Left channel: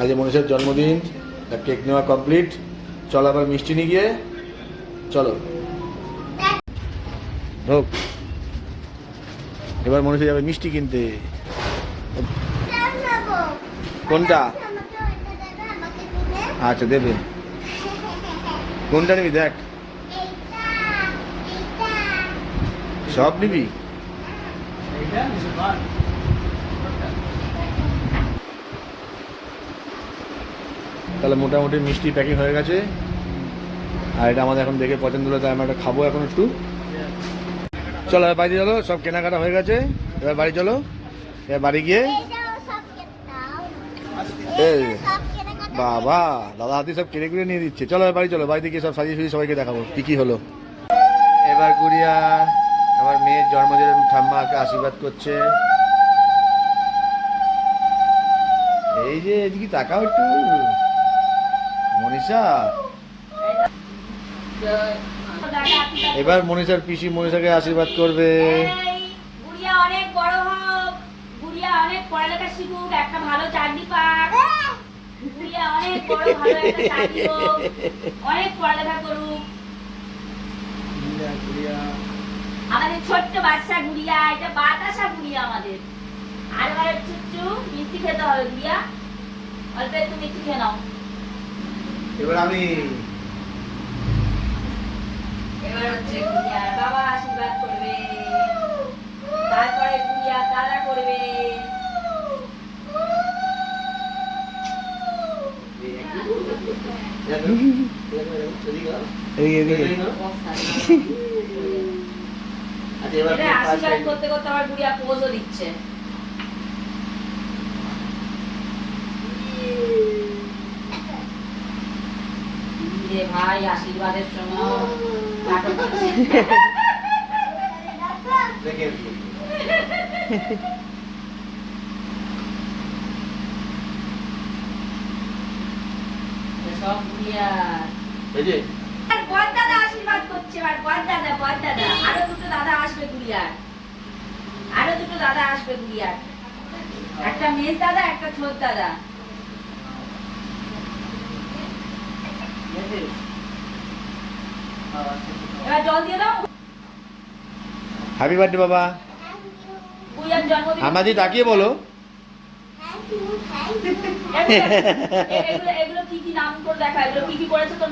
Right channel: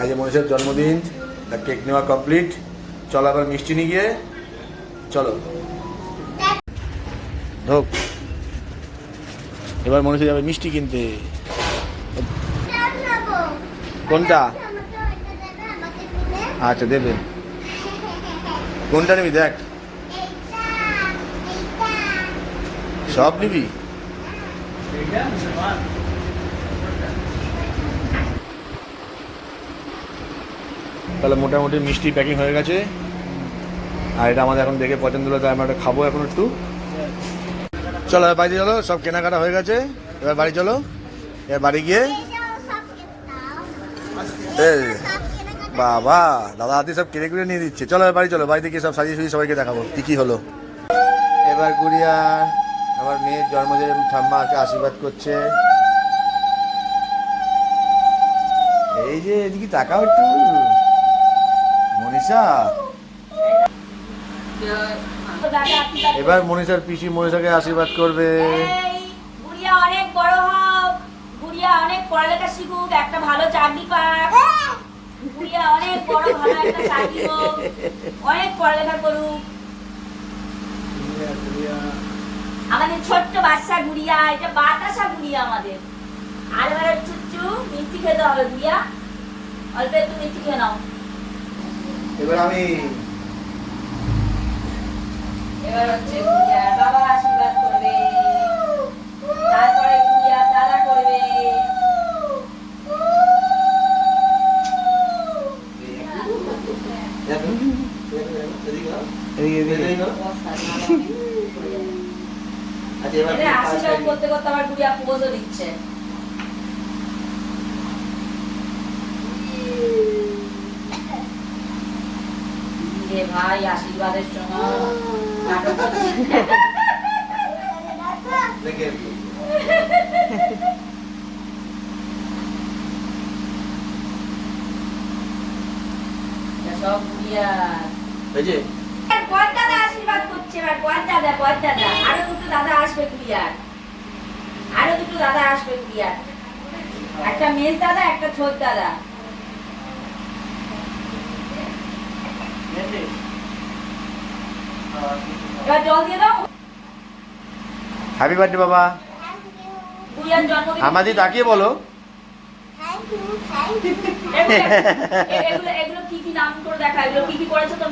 আজ মনীষের জন্মদিন তার কেক নেওয়া কমপ্লিট চলো আবার মিষ্টি নিয়ে গিয়ে, চলো। ঢোক। এবার মনীষে যাবে মিষ্টি কিনতে। কোনটা? আচ্ছা দেবে। কোনটা নিবি দেখ। সব নিবি? তাহলে মোটামুটি মিষ্টি প্যাকিং হয়ে গেছে। আর এটা আমাদের এখন দেখে পছন্দ হলো, তাই আমরা এটা খাব এখন একটু। চলো বাড়ি চলো, সব কেনাকাটা হয়ে গেছে। এবার বাড়ি চলো, এবার বাড়ি গিয়ে। এই, বাবা, দাদা হাতি সব কিনে কিনে নিয়ে দিচ্ছে। চলো বাড়ি চলো, বাড়িতে গিয়ে সব সাজিয়ে সুজিয়ে সবাইকে দেখাবো, কি কি হলো। এবার গুড়িয়া, আমার মেয়ের জন্মদিন ঠাম্মাকে আশীর্বাদ করছে। এই যে, এদিকে তাকাও একটু। মনীষা। এবার মনীষার পিসি মনীষাকে আশীর্বাদ করবে। অনেক বড় হোক গুড়িয়া অনেক পড়ালেখা শিখুক একটা ভালো চাকরি পাক। গুড়িয়া অনেক বড় ভালো একটা চাকরি হোক অনেক পড়ালেখা করুক। আমাদের ছোট্ট বাচ্চা গুড়িয়া এটা বাতাসা গুড়িয়া আমাদের। আর এবারে চুচ্চু মিষ্টি খেতে হবে গুড়িয়া। অল্প একটু মিষ্টি খেয়ে নাও। এবার আমি এবার হচ্ছে গুড়িয়া বাবা আশীর্বাদ করবে। তারপরে করবে। আশীর্বাদ করতে করতে আমার গুড়িয়া পোজও দিচ্ছে। রে ভাই আশীর্বাদের জন্য নাটক সব গুড়িয়া এই যে দাদা আশীর্বাদ করছে এবার বর দাদা বর দাদা আরও দুটো দাদা আসবে গুড়িয়ার আরও। দুটো দাদা আসবে গুড়িয়ার একটা মেজ দাদা একটা ছোট দাদা। এবার জল দিয়ে দাও। হ্যাপি বার্থডে বাবা। আমাদের তাকিয়ে বলো। এগুলো এগুলো কি কি নাম করে দেখা এগুলো কি কি করেছে তোর